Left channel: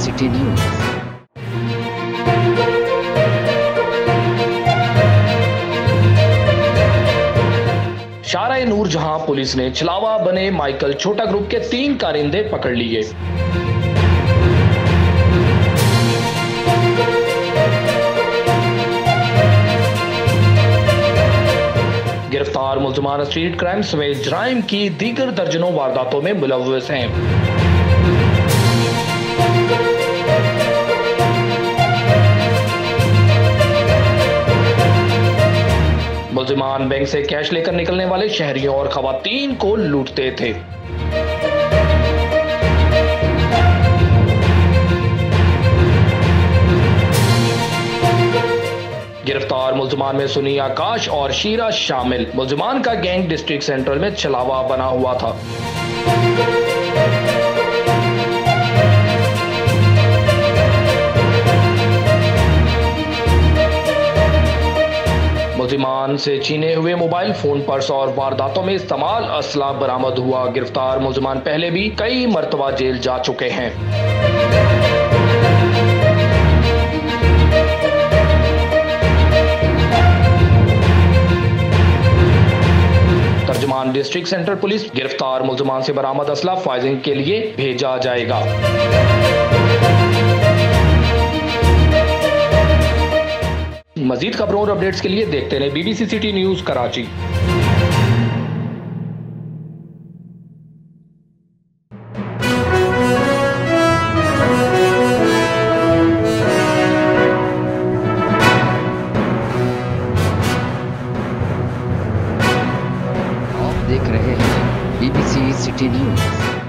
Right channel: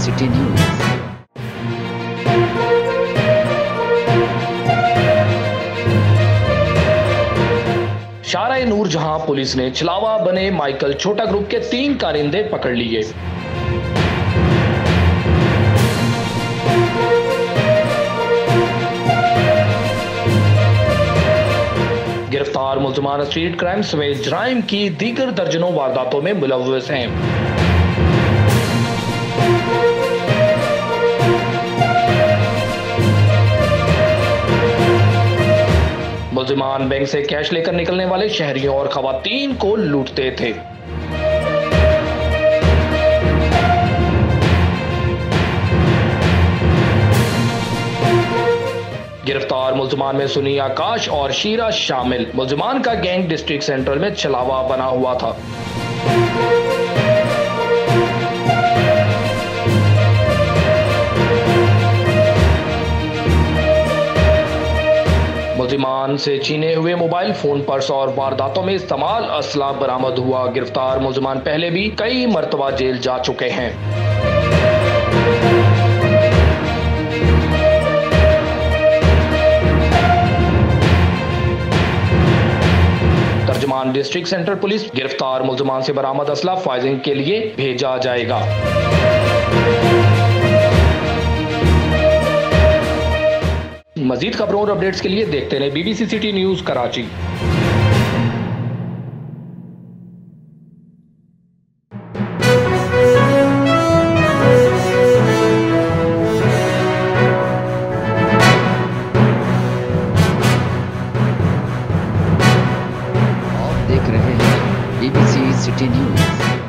City news. शारा-ए-नूर जहां police ने छलावा बने माइकल छोटा ग्रुप के 3 कारिंदे पकड़ लिए। गिरफ्तार मुल्ज़िमान स्ट्रीट क्राइम समेत जराइम की दीगर दर्जनों वारदातों में मुलव्वस हैं। मुल्ज़िमान बैंक से कैश लेकर निकलने वाले शहरियों और खवातीन को लूटते थे। गिरफ्तार मुल्ज़िमान में सुनी, आकाश और शीरा शामिल। मुल्ज़िमान का गैंग डिस्ट्रिक्ट सेंट्रल में छलावा बना हुआ था। मुल्ज़िमान से छीने हुए मोबाइल फोन, पर्स और वारदातों में इस्तेमाल असला बरामद हुआ। गिरफ्तार मुल्ज़िमान पहले भी कई मर्तबा जेल जा चुके हैं। तर्जुमान डिस्ट्रिक्ट सेंट्रल पुलिस गिरफ्तार मुल्ज़िमान से बरामद असला फायरिंग के लिए भेजा जाएगा। मजीद खबरों और अपडेट्स के लिए देखते रहे BBC सिटी न्यूज कराची। आप देख रहे हैं BBC सिटी न्यूज।